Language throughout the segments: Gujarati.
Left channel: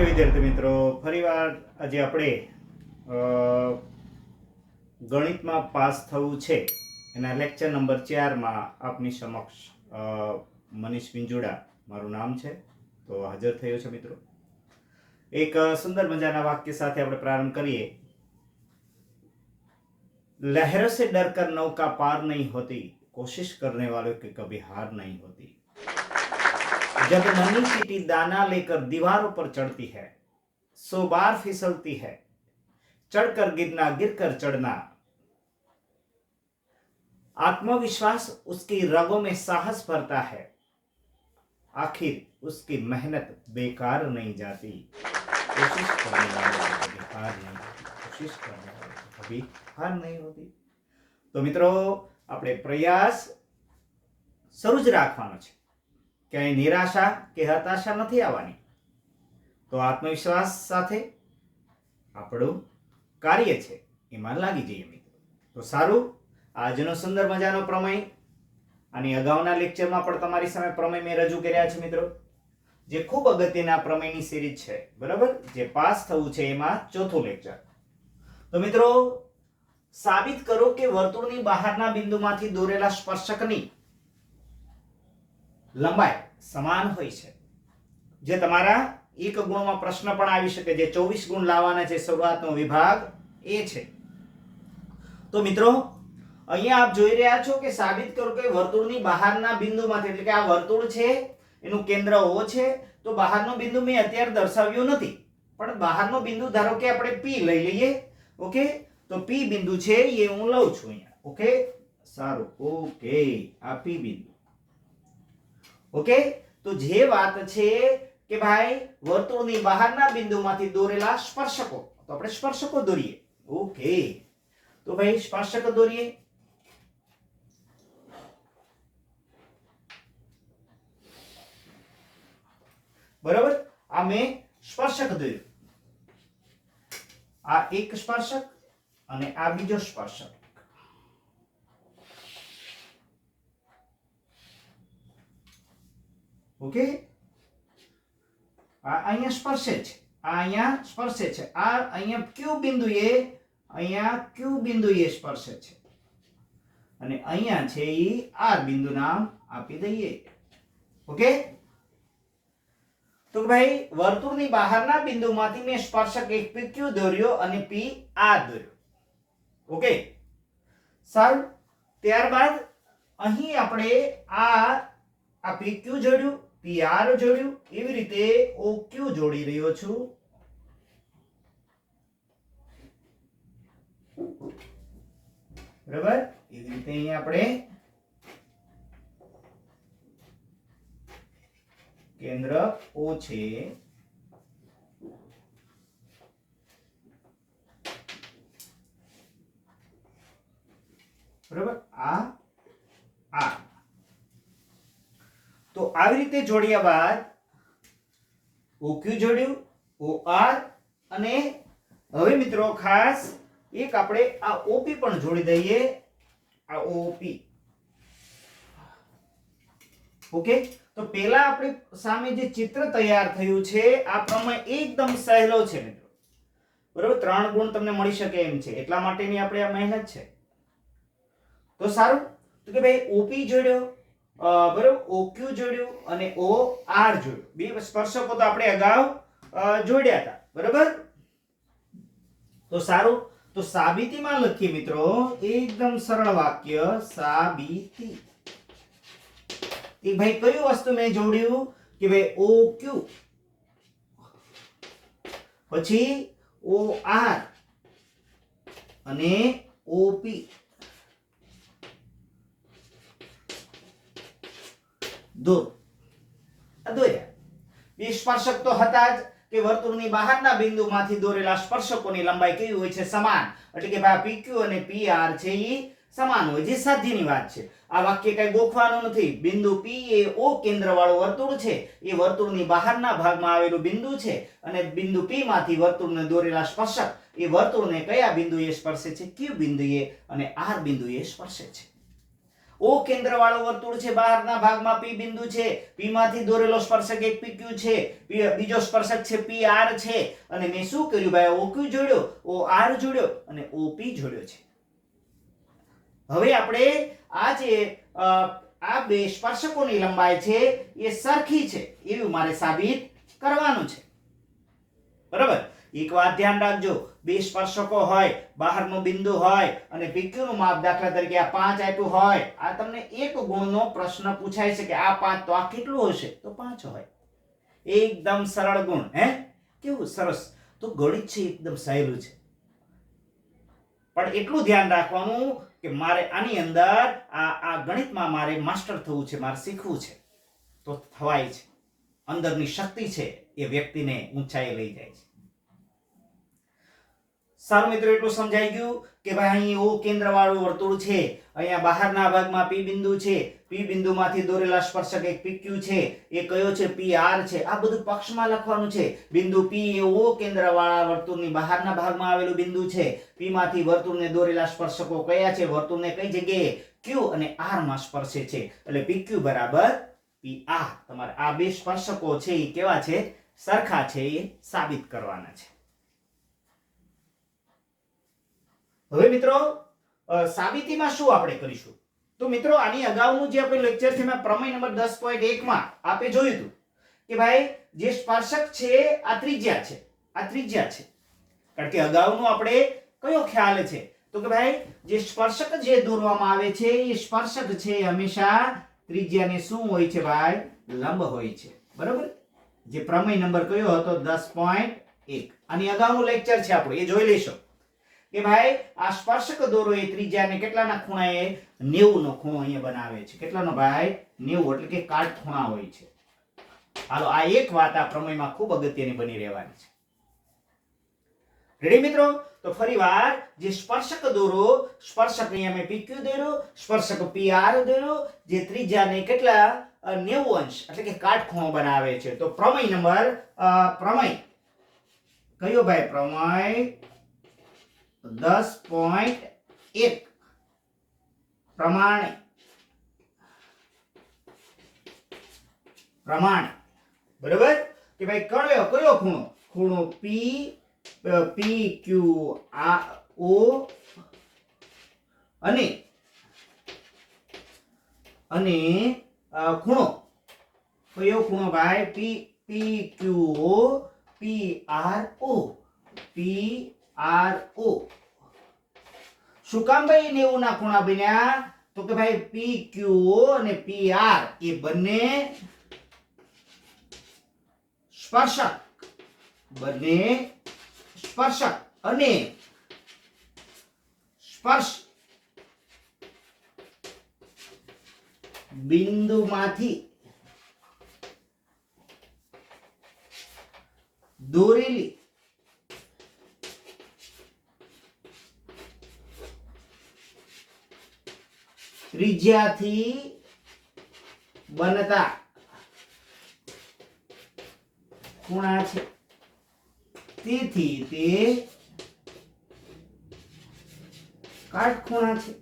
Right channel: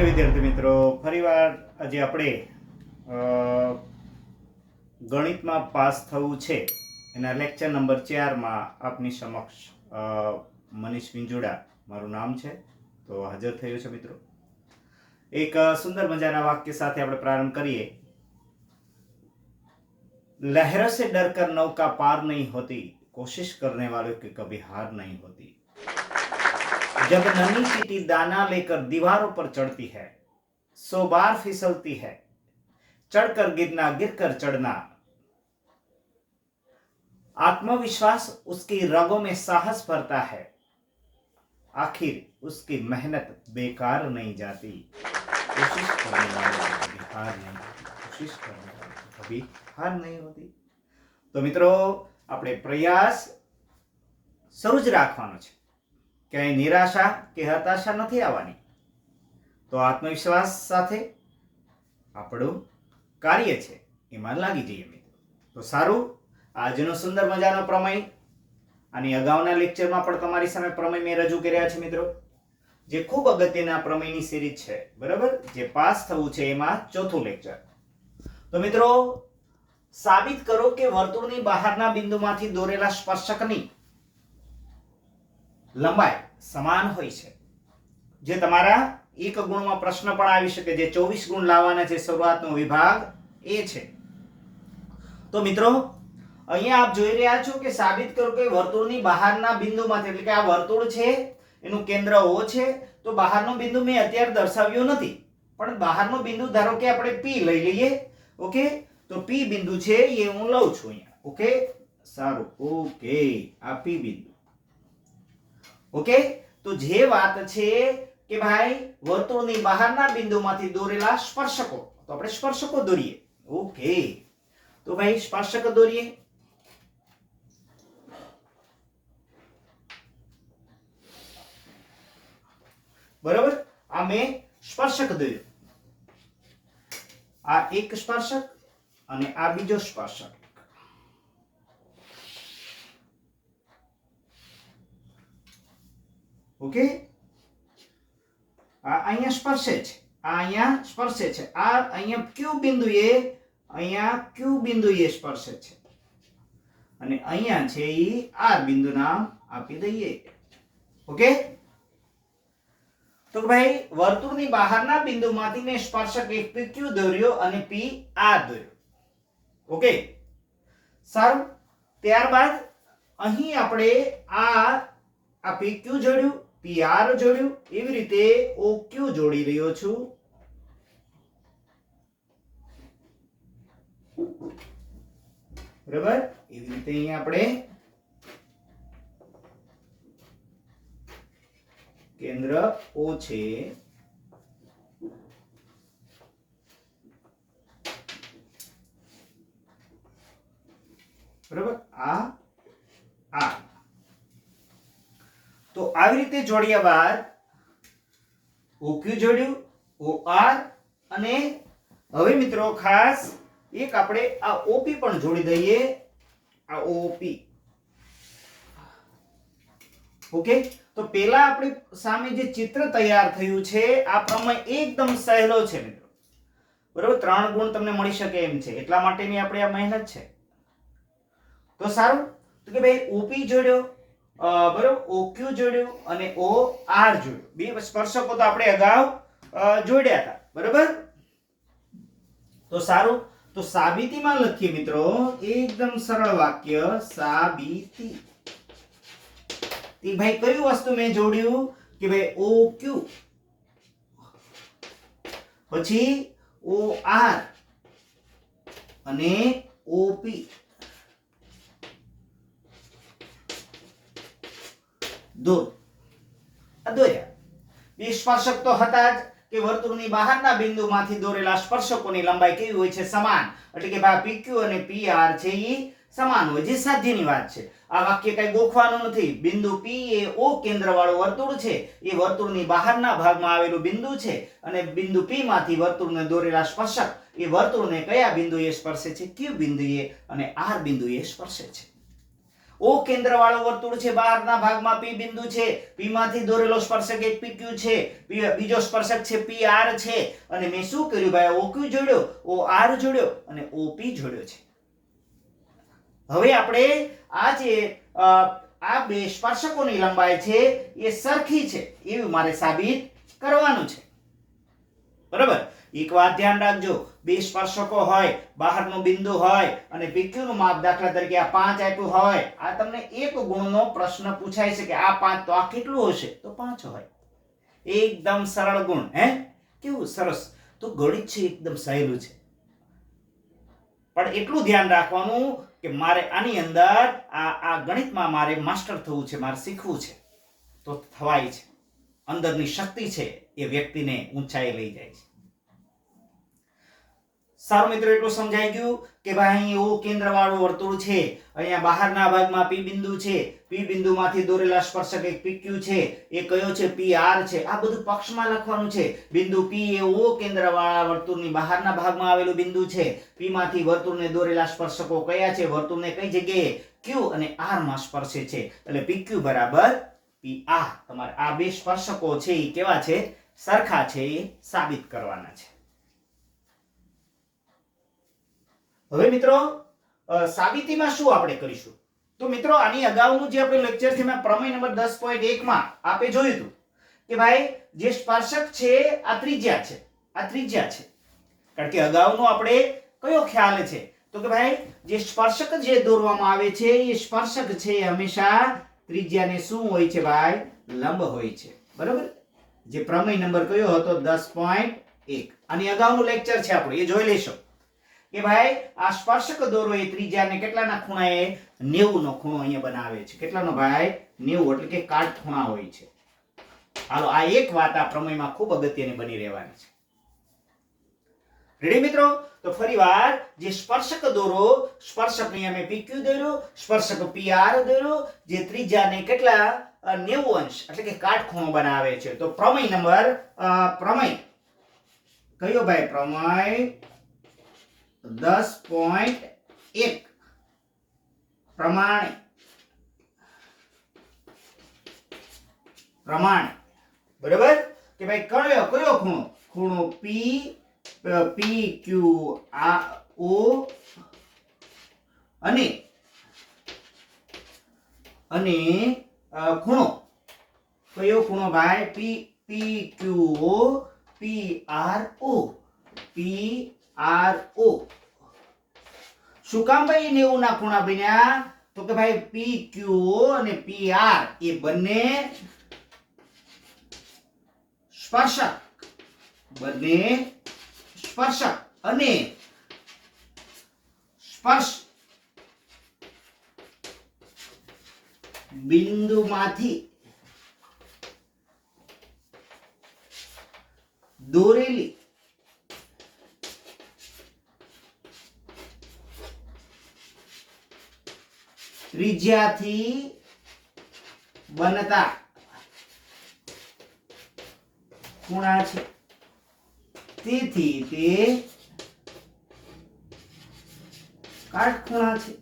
ઓકે વિદ્યાર્થી મિત્રો, ફરીવાર આજે આપણે ગણિતમાં પાસ થવું છે એના લેક્ચર નંબર ચારમાં આપની સમક્ષ મનીષ વિંજોડા, મારું નામ છે. તો હાજર થયો છે મિત્રો. એક સુંદર મજાના વાક્ય સાથે આપણે પ્રારંભ કરીએ. લહેરો સે ડર કર નૌકા પાર નહીં હોતી, કોશિશ કરને વાળો કે કભી હાર નહીં હોતી. जब नन्ही चीटी दाना लेकर दीवारों पर चढ़ती है सौ बार फिसलती है चढ़कर गिरना गिरकर चढ़ना आत्मविश्वास उसकी रगों में साहस भरता है आखिर उसकी मेहनत बेकार नहीं जाती कोशिश करने वालों को कभी हार नहीं होती कोशिश करने वालों को कभी हार नहीं होती તો મિત્રો આપણે પ્રયાસ શરૂ જ રાખવાનો છે ક્યાંય નિરાશા કે હતાશા નથી આવવાની? તો આત્મવિશ્વાસ સાથે આપણું કાર્ય છે, એમાં લાગી જઈએ મિત્રો. તો સારું, આજનો સુંદર મજાનો પ્રમેય અને અગાઉના લેક્ચરમાં પણ તમારી સામે પ્રમેય મેં રજૂ કર્યા છે મિત્રો. જે ખૂબ અગત્યના પ્રમેયની સિરીઝ છે, બરાબર? જે પાસ થવું છે એમાં ચોથું લેક્ચર તો મિત્રો, સાબિત કરો કે વર્તુળની બહારના બિંદુમાંથી દોરેલા સ્પર્શકની લંબાઈ સમાન હોય છે. જે તમારા એક ગુણમાં પ્રશ્ન પણ આવી શકે જે ચોવીસ ગુણ લાવવાના છે. શરૂઆતનો વિભાગ એ છે. તો મિત્રો, અહીંયા આપ જોઈ રહ્યા છો કે સાબિત કરો કે વર્તુળની બહારના બિંદુમાંથી, એટલે કે આ વર્તુળ છે, એનું કેન્દ્ર ઓ છે, તો બહારનો બિંદુ મેં અત્યારે દર્શાવ્યો નથી. પણ બહારનો બિંદુ ધારો કે આપણે પી લઈ લઈએ, ઓકે? તો પી બિંદુ છે એ હું લઉં છું અહીંયા, ઓકે? સારું, ઓકે. આ પી બિંદુ. ઓકે? તો જે વાત છે કે ભાઈ, વર્તુળની બહારના બિંદુમાંથી દોરેલા સ્પર્શકો, તો આપણે સ્પર્શકો દોરીએ. ઓકે. તો ભાઈ, સ્પર્શક દોરીએ. બરાબર? આ મેં સ્પર્શક દોર્યું. આ એક સ્પર્શક અને આ બીજો સ્પર્શક. ઓકે આ અહીંયા સ્પર્શે છે. આ અહીંયા સ્પર્શે છે. આ અહીંયા ક્યુ બિંદુએ, અહીંયા ક્યુ બિંદુએ સ્પર્શે છે? અને અહીંયા છે એ આર બિંદુ નામ આપી દઈએ. ઓકે તો ભાઈ, વર્તુળની બહારના બિંદુમાંથી મેં સ્પર્શક એક પી ક્યુ દોર્યો અને પી આ દોર્યો. ઓકે સારું. ત્યારબાદ અહીં આપણે આ આ પી ક્યુ જોડ્યું. પી આર જોડ્યું. એવી રીતે ઓ ક્યુ જોડી રહ્યો છું. બરાબર? એવી રીતે અહીંયા આપણે કેન્દ્ર ઓ છે. બરાબર? આ આ. તો આવી રીતે જોડ્યા બાદ ઓક્યુ જોડ્યું, OR અને હવે મિત્રો ખાસ એક આપણે આ ઓપી પણ જોડી દઈએ. આ ઓપી ઓકે તો પેલા આપણી સામે જે ચિત્ર તૈયાર થયું છે, આ પ્રમેય એકદમ સહેલો છે મિત્રો. બરાબર? ત્રણ ગુણ તમને મળી શકે એમ છે. એટલા માટેની આપણે આ મહેનત છે. તો સારું? તો કે ભાઈ ઓપી જોડ્યો. બરાબર? ક્યુ જોડ્યું અને ઓ આર જોડ્યું. બે સ્પર્શકો તો આપણે અગાઉ જોડ્યા હતા. બરોબર? તો સારું. તો સાબિતીમાં લખીએ મિત્રો. એકદમ સરળ વાક્ય, સાબિતી. ભાઈ કયું વસ્તુ મેં જોડ્યું? કે ભાઈ ઓ ક્યુ. પછી ઓ આર. અને ઓપી દોર. આ દોર્યા સ્પર્શક તો હતા જ કે વર્તુળની બહારના બિંદુમાંથી દોરેલા સ્પર્શકોની લંબાઈ કેવી હોય છે? સમાન. એટલે કે ભાઈ PQ અને PR છે એ સમાન હોય. જે સાધ્યની વાત છે. આ વાક્ય કઈ ગોખવાનું નથી. બિંદુ P એ O કેન્દ્રવાળું વર્તુળ છે. એ વર્તુળની બહારના ભાગમાં આવેલું બિંદુ છે. અને બિંદુ P માંથી વર્તુળને દોરેલા સ્પર્શક એ વર્તુળને કયા બિંદુએ સ્પર્શે છે? Q બિંદુએ અને R બિંદુએ સ્પર્શે છે. ઓ કેન્દ્ર વાળો વર્તુળ છે, બહારના ભાગમાં પી બિંદુ છે. પી માંથી દોરેલો સ્પર્શક એક પી ક્યુ છે. P- બીજો સ્પર્શક છે આર છે. અને મેં શું કર્યું ભાઈ? ઓ ક્યુ જોડ્યો? ઓ આર જોડ્યો અને ઓ પી જોડ્યો છે. હવે આપણે આ જે આ બે સ્પર્શકોની લંબાઈ છે, એ સરખી છે. એવું મારે સાબિત કરવાનું છે. બરાબર? એક વાત ધ્યાન રાખજો. બે સ્પર્શકો હોય, બહારનું બિંદુ હોય અને પીક્યુનું માપ દાખલા તરીકે આ પાંચ આપ્યું હોય, આ તમને એક ગુણનો પ્રશ્ન પૂછાય છે કે આ પાંચ તો આ કેટલું હશે? તો પાંચ હોય. એકદમ સરળ ગુણ, હે? કેવું સરસ? તો ગણિત છે એકદમ સહેલું છે. પણ એટલું ધ્યાન રાખવાનું કે મારે આની અંદર આ આ ગણિતમાં મારે માસ્ટર થવું છે, મારે શીખવું છે. તો થવાય છે. અંદરની શક્તિ છે એ વ્યક્તિને ઊંચાઈ લઈ જાય છે. સારું મિત્રો, એટલું સમજાઈ ગયું કે ભાઈ અહીં એવું કેન્દ્રવાળું વર્તુળ છે. અહીંયા બહારના ભાગમાં પી બિંદુ છે. પી બિંદુમાંથી દોરેલા સ્પર્શક એક PQ છે. એ કયો છે? આર છે. આ બધું પક્ષમાં લખવાનું છે. બિંદુ પી એ ઓ કેન્દ્રવાળા વર્તુળની બહારના ભાગમાં આવેલું બિંદુ છે. પીમાંથી વર્તુળને દોરેલા સ્પર્શકો કયા છે? વર્તુળને કઈ જગ્યાએ? ક્યુ અને આરમાં સ્પર્શે છે. એટલે PQ બરાબર પી આર. તમારે આ બે સ્પર્શકો છે એ કેવા છે? સરખા છે એ સાબિત કરવાના છે. હવે મિત્રો સાબિતીમાં શું આપણે કરીશું? તો મિત્રો, આની અગાઉનું જે આપણે લેક્ચર છે મેં પ્રમેય નંબર દસ પોઈન્ટ એકમાં આપણે જોયું હતું કે ભાઈ, જે સ્પર્શક છે, આ ત્રિજ્યા છે. આ ત્રિજ્યા છે. કારણ કે અગાઉનું આપણે કયો ખ્યાલ છે? તો કે ભાઈ, જે સ્પર્શક જે દોરવામાં આવે છે, એ સ્પર્શક છે હંમેશા ત્રિજ્યાને શું હોય છે ભાઈ? લંબ હોય છે. બરોબર? જે પ્રમેય નંબર કયો હતો? દસ પોઈન્ટ એક. આની અગાઉનું લેક્ચર છે આપણું. એ જોઈ લેશો. કે ભાઈ, આ સ્પર્શક દોરો એ ત્રિજ્યાને કેટલાના ખૂણાએ? 90 નો ખૂણો અહીંયા બનાવે છે. કેટલાનો ભાઈ? 90 એટલે કે કાટખૂણા હોય છે. હાલો, આ એક વાત આ પ્રમેયમાં ખૂબ અગત્યની બની રહેવાની છે. રેડી મિત્રો? તો ફરીવાર, જે સ્પર્શક દોરો સ્પર્શક ને અમે PQ દોર્યો, સ્પર્શક PR દોર્યો, જે ત્રિજ્યાને કેટલા? નેવું અંશ, એટલે કે કાટખૂણો બનાવે છે. તો પ્રમેય નંબર પ્રમેય. કયો ભાઈ? પ્રમેય દસ પોઈન્ટ એક પ્રમાણે. પ્રમાણે. બરાબર? કે ભાઈ કયો કયો ખૂણો? ખૂણો પી પી ક્યુ આ ઓ અને અને ખૂણો. કયો ખૂણો ભાઈ? P P Q O P R O P R O શું કામ ભાઈ નેવું ના ખૂણા બન્યા? તો કે ભાઈ પી ક્યુ અને પી આર એ બંને સ્પર્શક. બંને સ્પર્શક અને સ્પર્શ બિંદુમાંથી દોરેલી ત્રિજ્યાથી બનતા. ખૂણા છે? તેથી તે કાટખૂણા છે.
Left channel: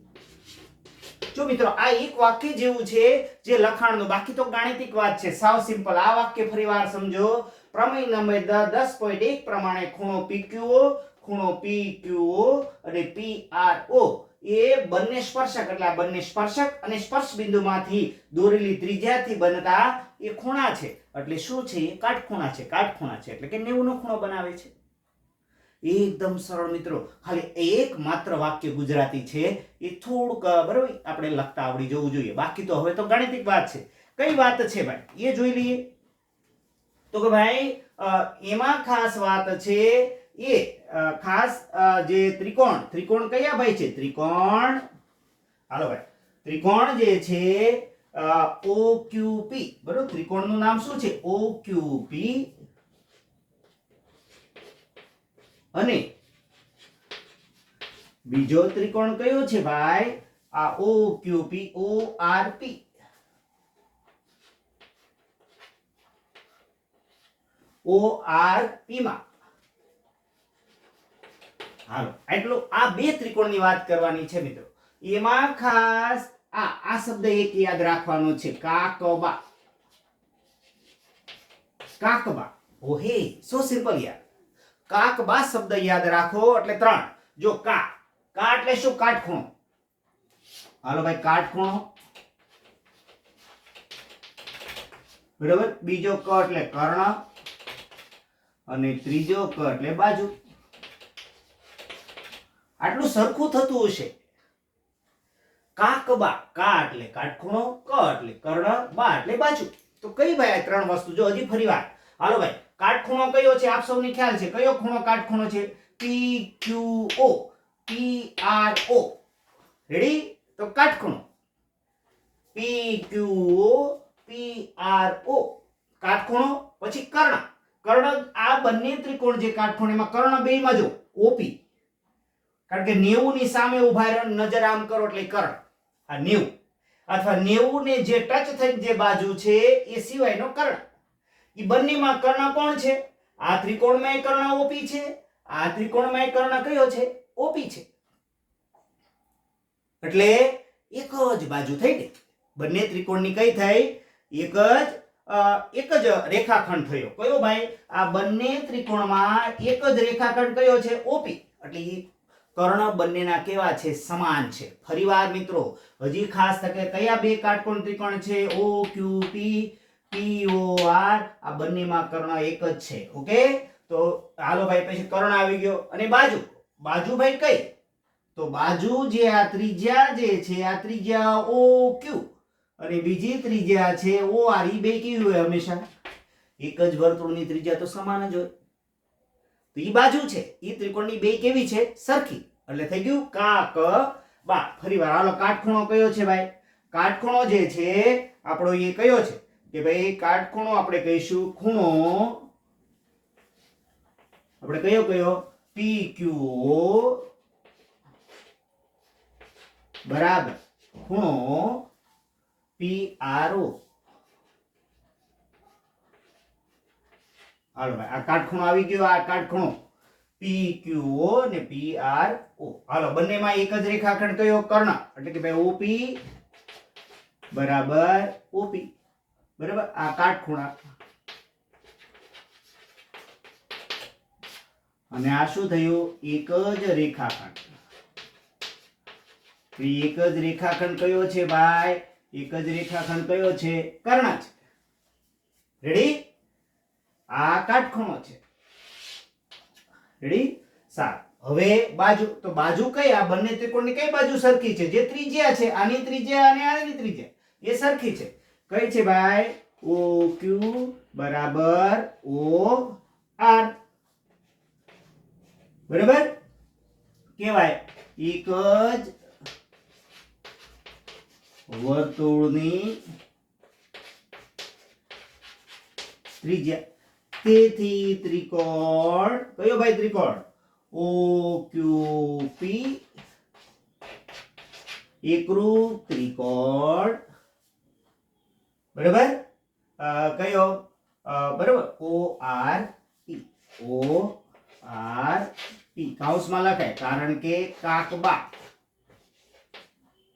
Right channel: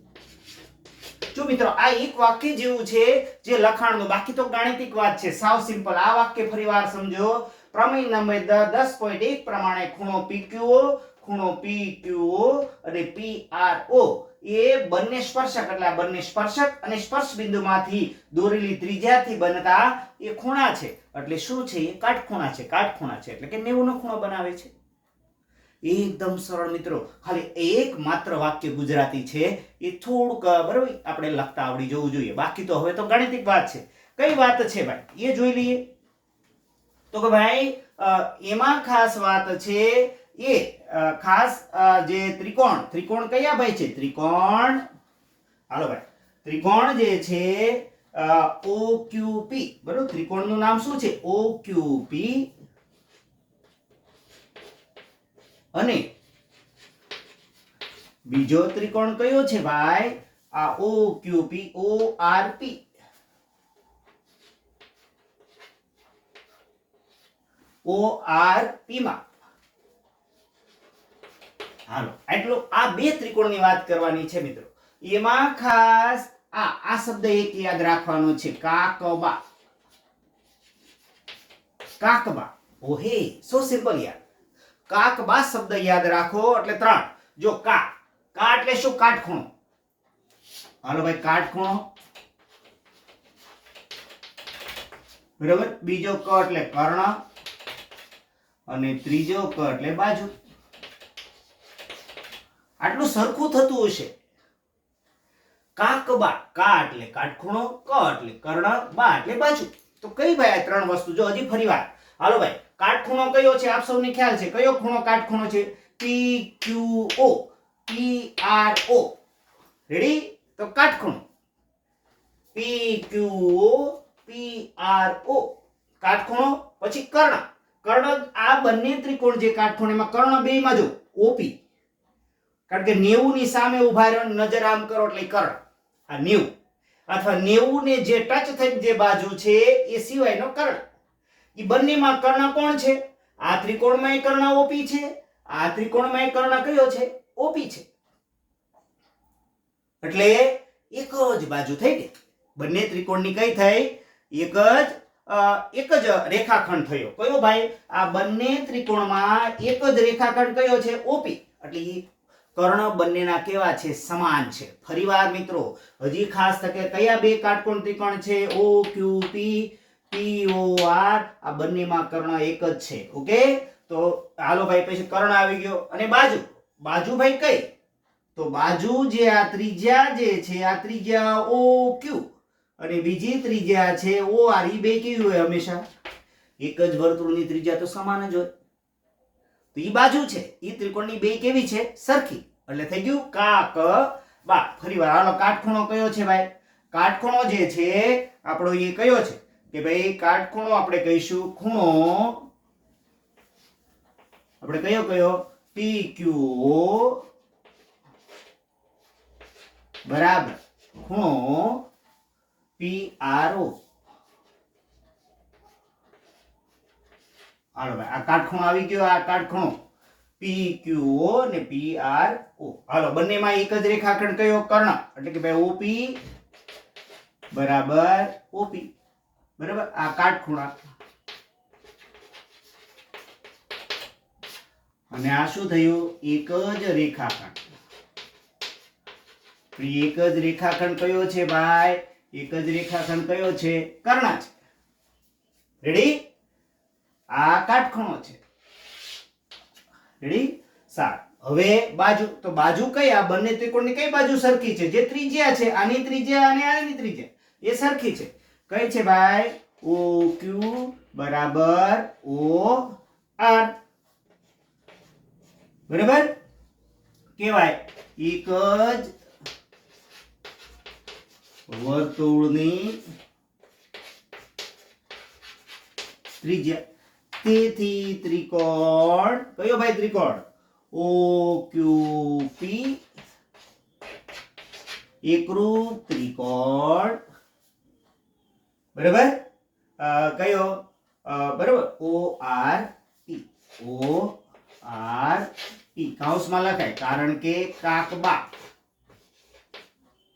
જો મિત્રો, આ એક વાક્ય જેવું છે જે લખાણનું. બાકી તો ગાણિતિક વાત છે. સાવ સિમ્પલ. આ વાક્ય ફરીવાર સમજો. પ્રમેય નંબર દ- દસ પોઈન્ટ એક પ્રમાણે ખૂણો PQO ખૂણો PQO અને PRO એ બંને સ્પર્શક, એટલે બંને સ્પર્શક અને સ્પર્શ બિંદુમાંથી દોરેલી ત્રિજ્યાથી બનતા એ ખૂણા છે. એટલે શું છે? એ કાટખૂણા છે કાટખૂણા છે. એટલે કે 90 ખૂણો બનાવે છે. એકદમ સરળ મિત્રો, ખાલી એક માત્ર વાક્ય ગુજરાતી છે. એ થોડુંક, બરાબર? આપણે લખતા આવડી જવું જોઈએ. બાકી તો હવે તો ગાણિતિક વાત છે. કઈ વાત છે ભાઈ? એ જોઈ લઈએ. તો કે ભાઈ એમાં ખાસ વાત છે એ ખાસ જે ત્રિકોણ ત્રિકોણ કયા ભાઈ છે? ત્રિકોણ, હાલો ભાઈ, ત્રિકોણ જે છે OQP બરોબર? ત્રિકોણનું નામ શું છે? OQP અને બીજો ત્રિકોણ કયો છે ભાઈ? આ OQP ORP ORP માં. હાલો એટલું આ બે ત્રિકોણની વાત કરવાની છે મિત્રો. એમાં ખાસ આ આ શબ્દ એક યાદ રાખવાનો છે, કાકબા. કાકબા. ઓહે સો સિમ્પલ યાર. કાકબા શબ્દ યાદ રાખો, એટલે ત્રણ. જો કા કા એટલે શું? કાટખૂણો. હાલો ભાઈ, કાટખૂણો. બરાબર? બીજો ક એટલે કર્ણ. અને ત્રીજો ક એટલે બાજુ. આટલું સરખું થતું હશે. કાકબા કા એટલે કાટખૂણો, ક એટલે કર્ણ, બા એટલે બાજુ. તો કઈ ભાઈ આ ત્રણ વસ્તુ? જો હજી ફરી વાર. હાલો ભાઈ, કાટખૂણો કયો છે? આપ સૌને ખ્યાલ છે. કયો ખૂણો કાટખૂણો છે? P Q O P R O ready તો કાટખૂણો. પી ક્યુ ઓ પી આર ઓ કાટખૂણો, પછી કર્ણ. કર્ણ આ બંને ત્રિકોણ જે કાટખૂણ, એમાં કર્ણ બેમાં જો ઓપી કારણ કે 90 ની સામે ઊભા નજર આમ કરો એટલે કર્ણ. આ 90 અથવા 90 ને જે ટચ થઈ જે બાજુ છે, એ સિવાયનો કર્ણ. એ બંનેમાં કર્ણ કોણ છે? આ ત્રિકોણમાં કર્ણ ઓપી છે. આ ત્રિકોણમાં કર્ણ કયો છે? ઓપી છે. એટલે એક જ બાજુ થઈ ગઈ. બંને ત્રિકોણની કઈ થઈ? એક જ એક જ રેખાખંડ થયો. કયો ભાઈ? આ બંને ત્રિકોણમાં એક જ રેખાખંડ કયો છે? ઓપી એટલે કર્ણ બંનેના કેવા છે? સમાન છે. ફરીવાર મિત્રો, હજી ખાસ તકે કયા બે કાટકોણ ત્રિકોણ છે? ઓ ક્યુ પી પી ઓ આર આ બંનેમાં કર્ણ એક જ છે. ઓકે તો હાલો ભાઈ, પછી કર્ણ આવી ગયો. અને બાજુ? બાજુ ભાઈ કઈ? તો બાજુ જે આ ત્રિજ્યા જે છે, આ ત્રિજ્યા ઓ ક્યુ અને બીજી ત્રિજ્યા છે ઓ આર ઈ બે કેવી હોય હંમેશા? એક જ વર્તુળની ત્રિજ્યા તો સમાન જ હોય. ઈ બાજુ છે. ઈ ત્રિકોણની બે કેવી છે? સરખી. એટલે થઈ ગયું કાક. બા ફરીવાર. હાલો, કાટખૂણો કયો છે ભાઈ? કાટખૂણો જે છે, આપણો એ કયો છે? કે ભાઈ, કાટખૂણો આપણે કહીશું ખૂણો. આપણે કયો કયો? P Q. બરાબર. ખૂણો પી આર ઓ. હાલો ભાઈ, આ કાટખૂણો આવી ગયો, આ કાટખૂણો. પી ક્યુ ઓ ને પી આર ઓ. હાલો, બંનેમાં એક જ રેખાખંડ કયો? કર્ણ. એટલે કે ભાઈ ઓપી બરાબર ઓપી. બરાબર? આ કાટખૂણા. અને આ શું થયું? એક જ રેખાખંડ. એક જ રેખાખંડ કયો છે ભાઈ? એક જ રેખાખંડ કયો છે? કર્ણ છે રેડી આ કાટખૂણો છે. રેડી? સારું. હવે બાજુ, તો બાજુ કઈ? આ બંને ત્રિકોણની કઈ બાજુ સરખી છે? જે ત્રિજ્યા છે, આની ત્રિજ્યા અને આની ત્રિજ્યા, એ સરખી છે. કઈ છે ભાઈ? ઓ ક્યુ બરાબર ઓ આર. બરાબર? કેવાય એક જ વર્તુળની ત્રિજ્યા. તેથી ત્રિકોણ? કયો ભાઈ ત્રિકોણ? ઓ ક્યુ પી એકરૂપ ત્રિકોણ. બરાબર? કયો? બરાબર. O R P O R P કૌંસમાં લખાય. કારણ કે કાકબા.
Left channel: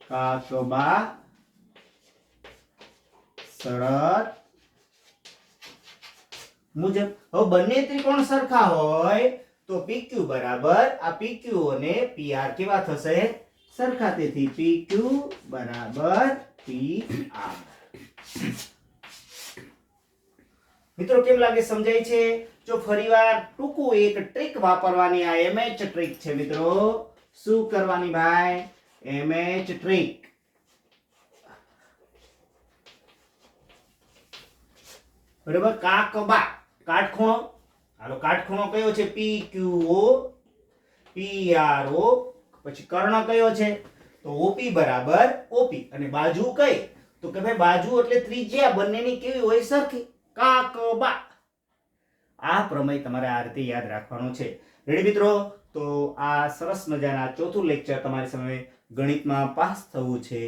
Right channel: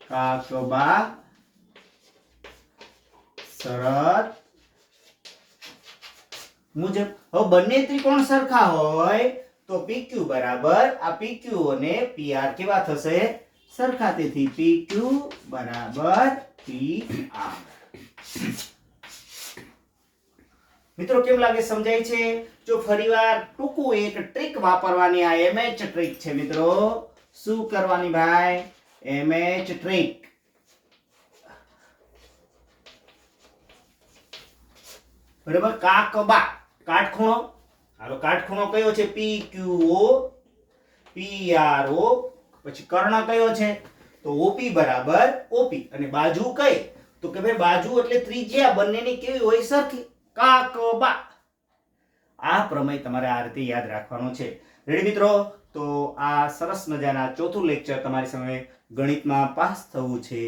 કાકબા. શરત મુજબ, હવે બંને ત્રિકોણ સરખા હોય તો PQ બરાબર, આ PQ અને PR કેવા થશે? સરખા તેથી PQ બરાબર PR મિત્રો, કેમ લાગે સમજાય છે? જો ફરીવાર ટૂંકું એક ટ્રીક વાપરવાની આ એમએચ ટ્રીક છે, મિત્રો. શું કરવાની ભાઈ? એમએચ ટ્રીક બરાબર? કાકબા કાટખૂણો. હાલો, કાટખૂણો કયો છે? P Q O P R ઓ પછી કર્ણ કયો છે? તો ઓપી બરાબર ઓપી અને બાજુ કઈ? તો કે ભાઈ બાજુ એટલે ત્રિજ્યા, બંનેની કેવી હોય સરખી? કાકબા આ પ્રમેય તમારે આ રીતે યાદ રાખવાનો છે. રેડી મિત્રો? તો આ સરસ મજાના ચોથું લેક્ચર તમારી સામે ગણિતમાં પાસ થવું છે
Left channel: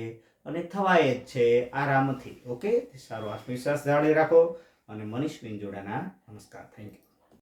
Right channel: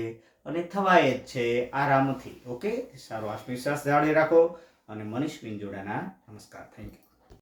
અને થવાય જ છે આરામથી. ઓકે સારો આત્મવિશ્વાસ જાળવી રાખો. અને મનીષ પિંજોડાના નમસ્કાર. Thank you